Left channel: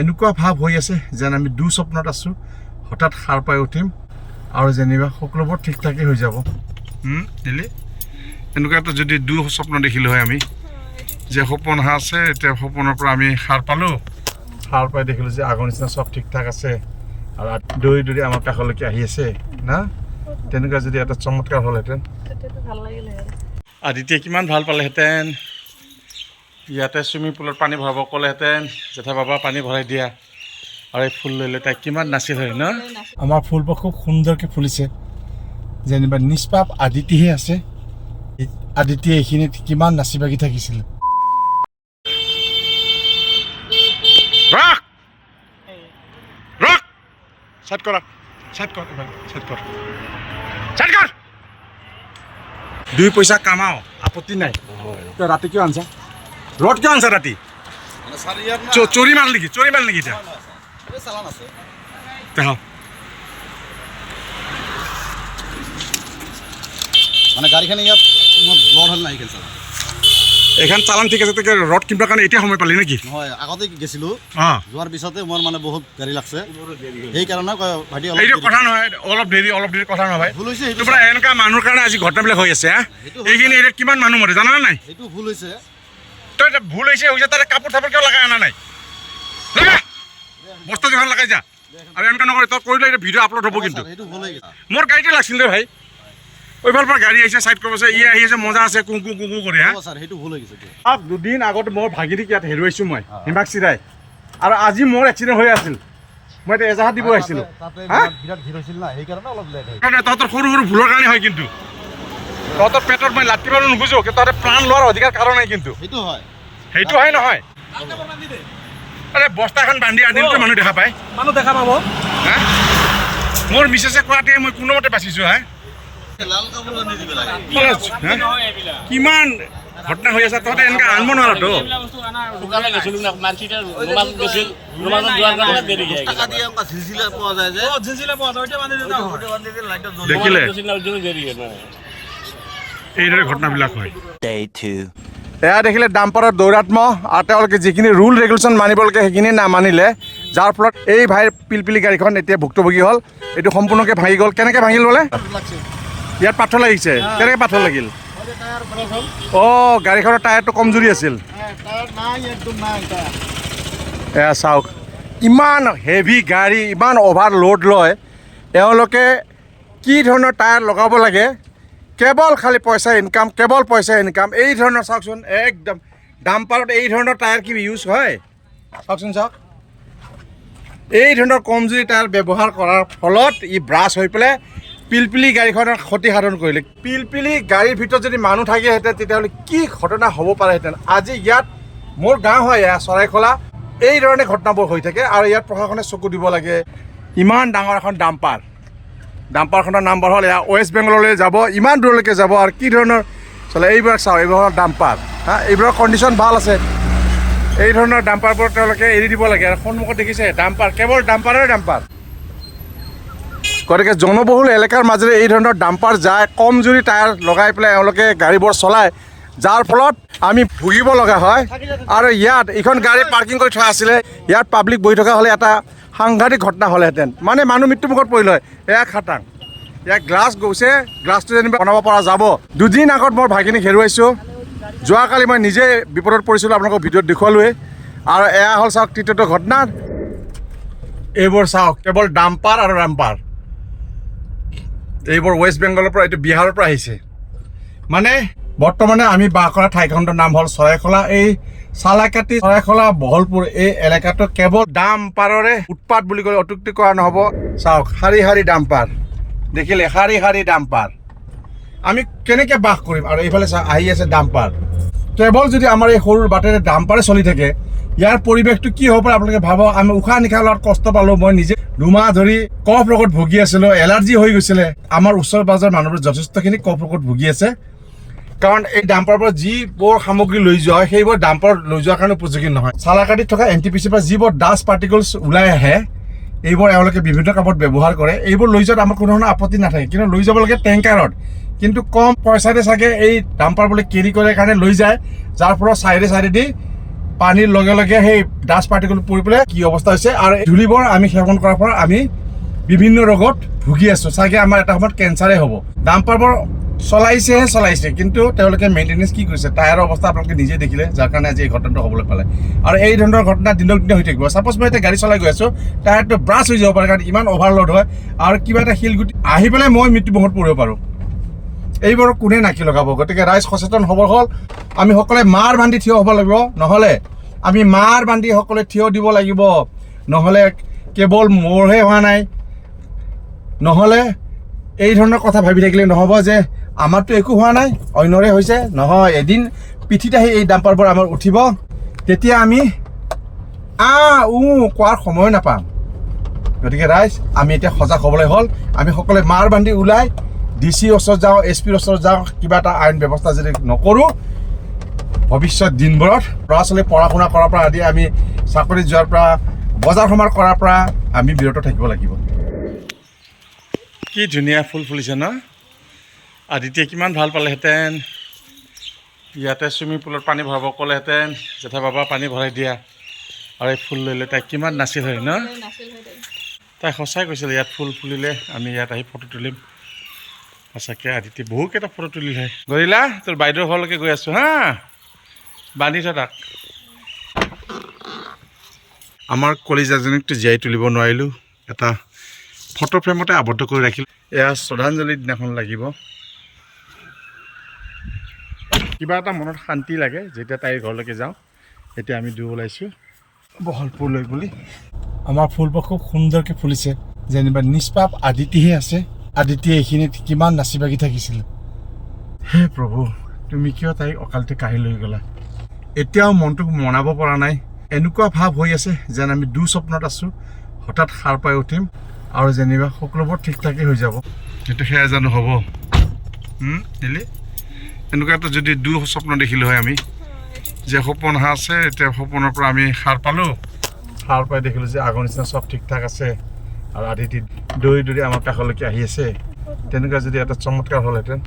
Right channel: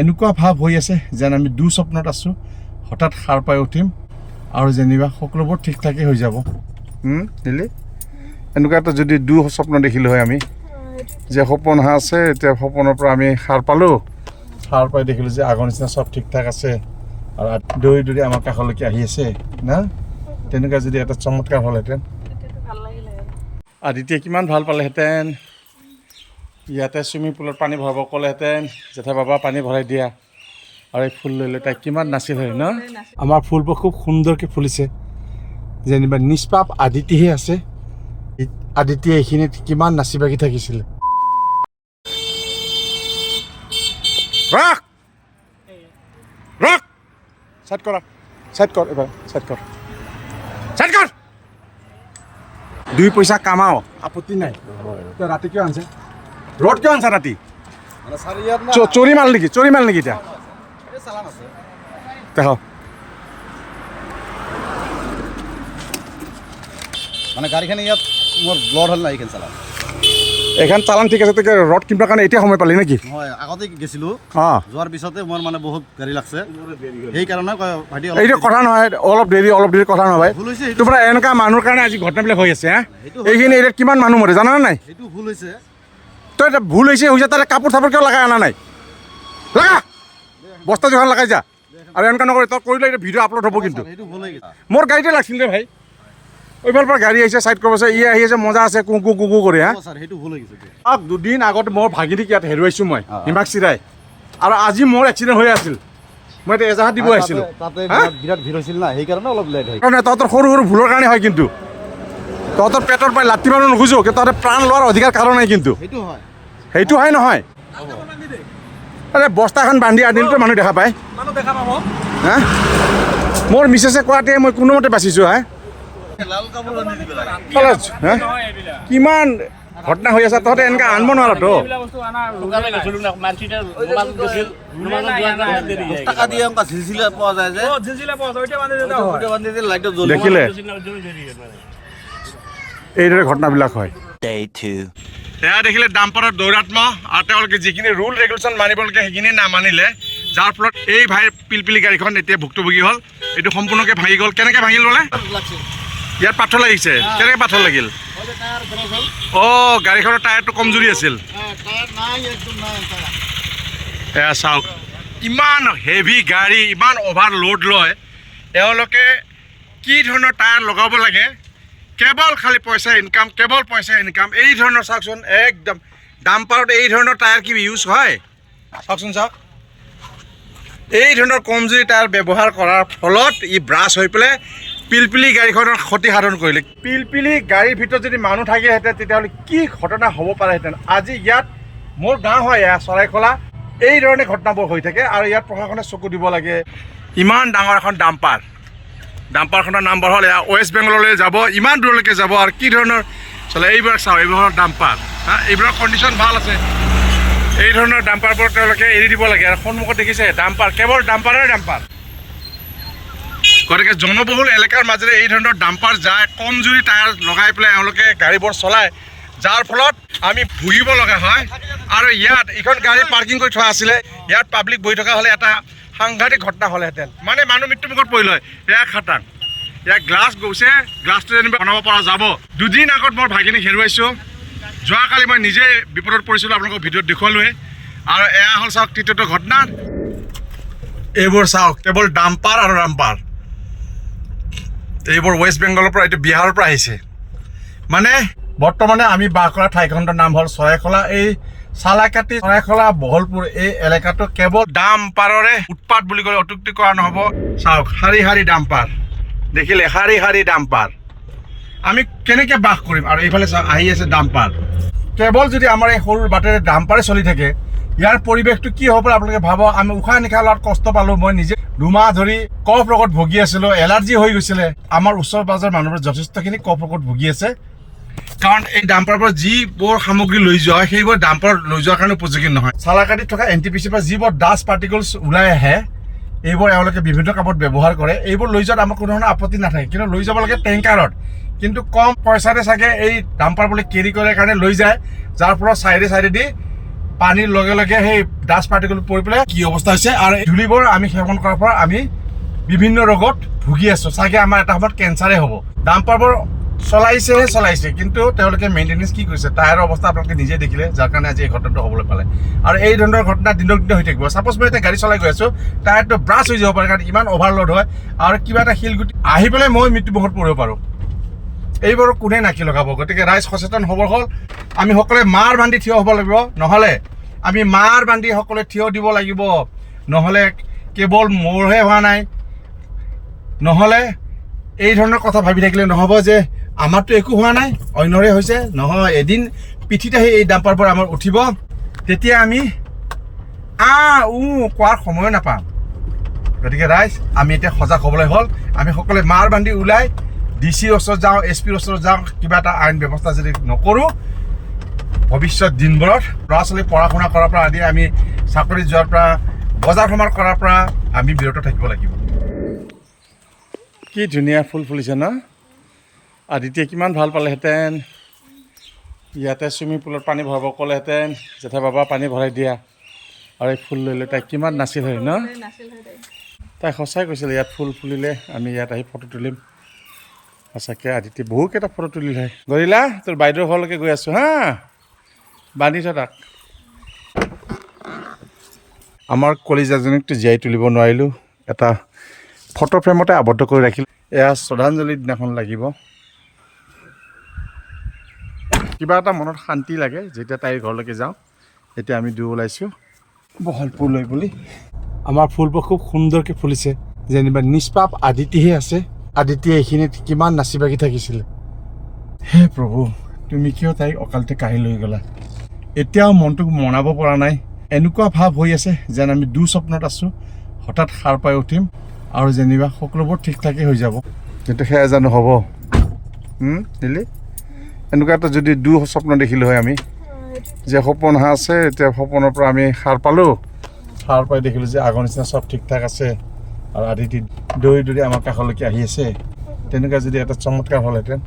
এনেকুৱা ভাৱ হৈ আছে যেন আমি দুঃস্বপ্নত আছোঁ। হঠাৎ সাৰ পাই উঠিম আৰু যেনিবা সকলোবোৰ ঠিক ঠাকেই হৈ যাব। দিলি এনেকুৱা এটা যদি দুঃস্বপ্ন দেখিলোঁ হয় আমি, যে সপোন আছে, এতিয়া সপোনৰ পৰা আমি সাৰ পালোঁ। সাৰ পাই দেখিলোঁ যে আগৰ নিচিনা চব ঠিক ঠাক আছে আৰু দৌৰি দৌৰি আমাৰ কাষলৈকে আহি আছে না। তেনেকুৱা যদি এটা চমৎকাৰ হ'লহেঁতেন, আদিত্যে কিমান ভাল পালেহেঁতেন। ইয়াতে চুইমিং পুলত পানী ভৰাব ক'লেহেঁতেন, জেঠা বাবা পানী ভৰাই দিয়া, আৰু এই ফুল লৈ লৈ তাই কিমান নাছিল হয় ন। আমাৰ ফুলবোৰ খুব সুন্দৰকৈ ফুলিছে, যেনিবা নিষ্পাপ আদিত্যহে আছে। আদিত্যে এইখিনিত কিমান নাচি বাগি থাকিছিলে। ৰাখ ৰাখ, চাইড কৰা, চাইড কৰ, এবাৰ চাইড কৰ, চাইড কৰ। 2 পইচা কামাও, আপত্তি নাই। ৰাতি কিয় আনছা? ৰদ কিয় আনছা ৰাতি? চৰি মাল নেকি? চৰি মাল নেকি? এতিয়া দেখ মানে গাড়ীখন ইয়াত মোৰ ব্লড হ'ল না, এইখন চালান। এইখন চালান ঠিক আছে। তোকে ৰদ কিনিবৰ কাৰণে এতিয়া সময় পালি নেকি? হয়, আগতে গেছিলোঁ, যোৱাৰ পিছতে মোৰ মানে বহুত গাড়ী লাগছে, সেইকাৰণে ভাইটি এইটো কথা নহয়, অলপ দেৰি কথা নহয়। ভুল হৈছে, তোৰ পৰা এনেকুৱা মানুহৰ কাৰণে আজি ঘটনাবিলাক হৈ আছে। এইখিনি এৰিয়াত কিমান মানুহ মৰে জানা নাই? সেইটো ভুল হৈছে। তই ভুল হৈছে তাহলে কাপোৰ চাপোৰ কিয় লগাই অনা নাই? বস্তা জোখান লগাই যা। আৰু এনেকুৱা নকৰি, তই কৰিলে এতিয়া ভিডিঅ' আপলোড হ'ব কিন্তু। মোৰ গাড়ীতে লাগছিল দে ভাই। ওইফালৰ পৰা গাড়ী আহিছে, চাইড কৰিব আছে, ই আহি আছে, মজা আছে, কুকু কুকু কৰি। সেইটো ভুল হৈ গৈছে। 2 দিন আগত মোৰ ভাগিনীক ইয়াত হেৰুৱাইছোঁ মই, হিমাক চিৰাই। আৰু আজি মোৰ এক্সিডেণ্ট হৈ আছিল, মই এতিয়া এজাহাত দিব আহিছিলোঁ। বিৰাট ভিৰ হৈছিল না, সেইকাৰণে অলপ লেট হয়। তহঁতৰ সৰু সৰু ভুলৰ কাৰণে হয় কিন্তু। তহঁতৰ পেটত মই লাঠি মাৰিব নোখোজোঁ, তহঁতে প্ৰাণ লোৱাৰ অধিকাৰ কাৰণ নাই কিন্তু। সেইটো হয়, সেইটো হয় নহয়? আৰে বস্তাখন বান্ধি আনিলেতো মানুহ দেখা পায়, মোৰ মিছেছে কোৱাতে মই কোনোমতে বাচিছোঁ। কিমান ঘটনা হৈ আছে, তহঁতে এনেকৈ আনিব নোৱাৰতো। দেখিলে এইদৰে ঘটনাবিলাক হয়। এয়া দেখিলে ডাম্পাৰৰ দৌৰাত্ম, আৰু তেওঁলোকে যিখিনি ৰুল ৰেগুলেশ্যন মানিব লাগে সেইখিনি নামানিলে, যাৰ ফলত এই ভাইৰ পিলপিলি গাড়ীখন এতিয়া ভুক্তভোগী হ'ল। এইটো সম্পূৰ্ণকৈ ভাঙি গ'ল। কেনেকৈ ভাঙিল বোলে? ইয়াত পাথৰ লাগিছে। কেনেকৈ পাথৰ লাগিল? গাড়ীখনৰ টায়াৰটো কমজুৰি আছিল। এয়া চাওক, ইমান হেভি গাড়ী, ইমান অভাৰ লোড লয়, এওঁলোকে কি ধৰণৰ টায়াৰ লগাব লাগে, কেৱল খালি পইচা ইনকাম, কেৱল পইচা ইনকাম। এই ধৰণৰ চাওকচোন, একদম ডাম্পাৰত এই ধৰণৰ টায়াৰ কি ইউজ হয়? চাওকচোন, চাওক, এই ধৰণৰ কমজুৰি টায়াৰ ব্যৱহাৰ কৰাৰ ফলত ই ব্ৰাছ হৈ পেলাই পিলপিলি গাড়ীখনৰ ক্ষতি সাধন কৰিলে। পিলপিলি গাড়ীৰ ভিতৰত যদি মানুহ থাকিলেহেঁতেন তেতিয়াহ'লে কি ঘটনা হ'ব পাৰেহেঁতেন। আজি ইয়াত মোৰ গাঁও হয়, এয়া চৰাইখলা, এই ধৰণে ঘটনাবোৰ হৈ থাকে। আৰু ইয়াত প্ৰশাসনে চকু দিব লাগে। ইমান ডাঙৰ এখন ডাম্পাৰখনৰ নাম্বাৰ হ'ল এয়া ৱেষ্ট বেংগললৈ যাব, ইমান দূৰলৈকে যাব। আৰু কি ধৰণৰ চলে এইবিলাক চাওক, এইবোৰৰ ডাম্পাৰ, এইবোৰৰ কণ্ডিশ্যন ভাল আছে। এই ধৰণৰ ডাম্পাৰবোৰ তেওঁলোকে এৰি দিব লাগে। আৰু সন্মুখত দেখিছে ডাম্পাৰ, কেৱল ডাম্পাৰৰে ডাম্পাৰ। গতিকে জনবহুল এলেকাৰ মাজেৰে এই ধৰণৰ ডাম্পাৰ যায়, কমজুৰি টায়াৰ লগাই পেলাই এওঁলোকে গাড়ীবোৰ চলায়, যাৰ ফলত আমি ভুগিব লগা হয়। আৰু ইয়াত এইখন গাড়ী পাৰ্কিং কৰি থোৱা আছিলে, ইয়াত পাব্লিক বহি থকা হ'লে এটা সাংঘাতিক ঘটনা হ'লেহেঁতেন, মানে মানুহ মৃত্যুমুখত পৰিল হয়। এয়া খাটাং, ইয়াত গ্লাছ গৈছে, গ্লাছটো যেনিবা বনাব পৰা যাব। 2 দিন আগত মই ভাগিনীক হেৰুৱাইছোঁ, যোৱাকালি মই নিজে বিপদত পৰিছিলোঁ, আপোনালোকক ভিডিঅ'ত দেখুৱালোৱে। আৰু এয়া হ'ল চাওক তৃতীয়টো ঘটনা। এইবোৰ চাওক, কেৱল ডাম্পাৰ আৰু ডাম্পাৰ। এইবোৰ ৱেষ্ট বেংগলৰ পৰা, এইটো বিহাৰৰ পৰা আহিছে। মানে বৰ্তমানে আমি বাস কৰা ঠাইখনৰ নাম হ'ল চৰাইখলা। এই চালাকাটি, চৰাইখলা, বহলপুৰ এই এলেকাটো কেৱল ডাম্পাৰৰে উৎপাত বুলি ক'লে অত্যুক্তি কৰা নহ'ব। চাওক, শাৰী শাৰী ডাম্পাৰ দেখিলে, শাৰী শাৰী ডাম্পাৰ। আমি কেনেকৈ বাস কৰিম? আৰু এইফালে চাওক, আহি আছে ডাম্পাৰ। কেৱল যদি আমাৰ এই সৰু বাটেৰে ডাম্পাৰে চলি থাকে, ইয়াৰ পৰিৱেশটো কি হ'ব পাৰে আপোনালোকে ভাবক। আমি উশাহ নিশাহ লোৱাত কষ্ট পালোঁ। মই নিজে 2 মাহ ধৰি কফ ৰোগত ভুগি আছিলোঁ, এলাৰ্জি হৈ গৈছিলে। আমাৰ ওচৰ পাজৰ মানুহবোৰ যথেষ্টখিনি কফ ৰোগত ভুগি আছে, কাৰণ এই ডাম্পাৰৰ পৰা যিবোৰ সামগ্ৰী লৈ যোৱা হয় সেইবোৰ ডাম্পাৰ লৈ যোৱাৰ কাৰণে উপযোগী নহয়। চালাকাটিত থকা NTPCৰ পৰা যিবোৰ ডাষ্ট পাৰ্টিকলছ ওলাই আহে, এইবোৰ এওঁলোকে বিভিন্ন কামত ব্যৱহাৰ কৰে। এইবোৰ লৈ যোৱাত আমাৰ কোনো ধৰণৰ আপত্তি নাথাকে, কিন্তু লৈ যাব লাগে টেংকাৰত। কিন্তু কম পইচাতে চাগে এই ডাম্পাৰবোৰ কেৰি কৰে কাৰণে লৈ যায়, যাৰ ফলত চাইডে চাইডেদি পানীৰ লগে লগে সেই ডাষ্ট পাৰ্টিকল পৰি পেলাই কি অৱস্থা হৈছে আৰু ধূলিবোৰ আমি সেৱন কৰাৰ পৰা আমি বিভিন্ন ৰোগত ভুগি আছোঁ চাগে আমাৰ এটা সময়ত কেঞ্চাৰে হ'ব ডাম্পাৰবোৰ চলাইছে কিন্তু তেওঁলোকে মেইনটেনেঞ্চ কি কৰিছে টায়াৰৰ অৱস্থা আপোনালোকে নিজে দেখিলে যাৰ কাৰণে আজি এই ঘটনাটো হ'বলৈ পালে আৰু এই ধৰণৰ ঘটনা দিনক দিনে হৈ থাকিব ছাপ'জ মই এতিয়া গাড়ী চলাই গৈ আছোঁ টায়াৰটো ব্ৰাছ হৈ যাব পাৰে কাৰণ ইমান অভাৰলোড হয় আৰু কিবা এটা শিলগুটি আহি পেলাই মই মৃত্যুমুখত পৰিব পাৰোঁ এইবোৰ কোনে নাকি লগাব গতিকে ৰাইজ সচেতন হ'ব হ'ল আমি সকলোৱে মাৰ বান্ধি থিয় হ'ব লাগিব নহ'লে আমি মাৰ বান্ধি সকলোৱে থিয় দিব লাগিব নহ'লে কেৱল মোৰহে হোৱা নাই নহ'লে এই ধৰণৰ কথা ভাবি থাকিলে নহ'ব যে আমাৰতো একো হোৱা নাই অন্যৰে হৈছে নহয় এদিন পিঠিত আহি এই ডাম্পাৰবোৰ আমাৰ উঠিব তেতিয়া আমি কোৱাৰ সময় নাপাম গতিকে ৰাইজ আমি এতিয়া সজাগ হ'বলৈ হ'ল আমি সকলোৱে মাৰ বান্ধি ওলাই ডিচিৰ ওচৰত যাওঁ এছপিৰ ওচৰত যাওঁ কিবা এটা আইন ব্যৱস্থা যদি নকৰোঁ ভৱিষ্যত দিনবোৰত ল'ৰা ছোৱালী পঢ়া শুনা কৰাৰ পৰা আদি আমি চাকৰি যোৱাৰ পৰা বজাৰ সমাৰ কৰাৰ পৰা আমি বিৰত থাকিব লাগিব কি ধুনীয়া ফুল ফুলিছে ন আদিত্যই কিমান ভাল পালেহেঁতেন ইয়াতে চুইমিং পুলত পানী ভৰাব ক'লেহেঁতেন জেঠা বাবা পানী ভৰাই দিয়া আৰু এই ফুল লৈ লৈ তাই কিমান নাছিল হয় ন তাই সঁচাই কৈছিলে ইয়াত ফুল ফুলিলে আমি ইয়াত আহি ফটো তুলিম সঁচাকৈ আদিত্যই বহুকেইটা ফটো তুলিলে গৰিলা তোৰ বাইদেউৰ ঘৰলৈকে গৈ আছোঁ হা বান্ধি থ তাক আমাৰ কলিজাজনীকতো জীয়াই তুলিব নোৱাৰিলোঁ এটা ফটো ফ্ৰেমতে আবদ্ধ কৰি ৰাখিলোঁ এয়া শ্ৰদ্ধাঞ্জলিৰ দিনাখন লাগিব কিবা এটা মনত শান্তি লাগে যেতিয়া তাইৰ ঘৰলৈকে যাওঁ এতিয়া আমি দুয়ো ওলাইছোঁ বহল ফুল লৈ বুলি আমাৰ ফুলবোৰ খুব সুন্দৰকৈ ফুলিছে যেনিবা নিষ্পাপ আদিতিহে আছে আদিত্যই এইখিনিত কিমান নাচি বাগি থাকিছিলে হে প্ৰভু তুমি কিয় তাইক অকালতে কাঢ়ি লৈ গ'লা এতিয়াও মনটোক মনাব পৰা নাই এনেকুৱা ভাৱ হৈ আছে যেন আমি দুঃস্বপ্নত আছোঁ হঠাৎ সাৰ পাই উঠিম আৰু যেনিবা সকলোবোৰ ঠিক ঠাকেই হৈ যাব কিন্তু সেয়া জানো হ'ব নিলি এনেকুৱা এটা যদি দুঃস্বপ্ন দেখিলোঁ হয় আমি যে সপোন আছে এতিয়া সপোনৰ পৰা আমি সাৰ পালোঁ সাৰ পাই দেখিলোঁ যে আগৰ নিচিনা চব ঠিক ঠাক আছে আৰু আদিতি দৌৰি দৌৰি আমাৰ কাষলৈকে আহি আছে তেনেকুৱা যদি এটা চমৎকাৰ হ'লহেঁতেন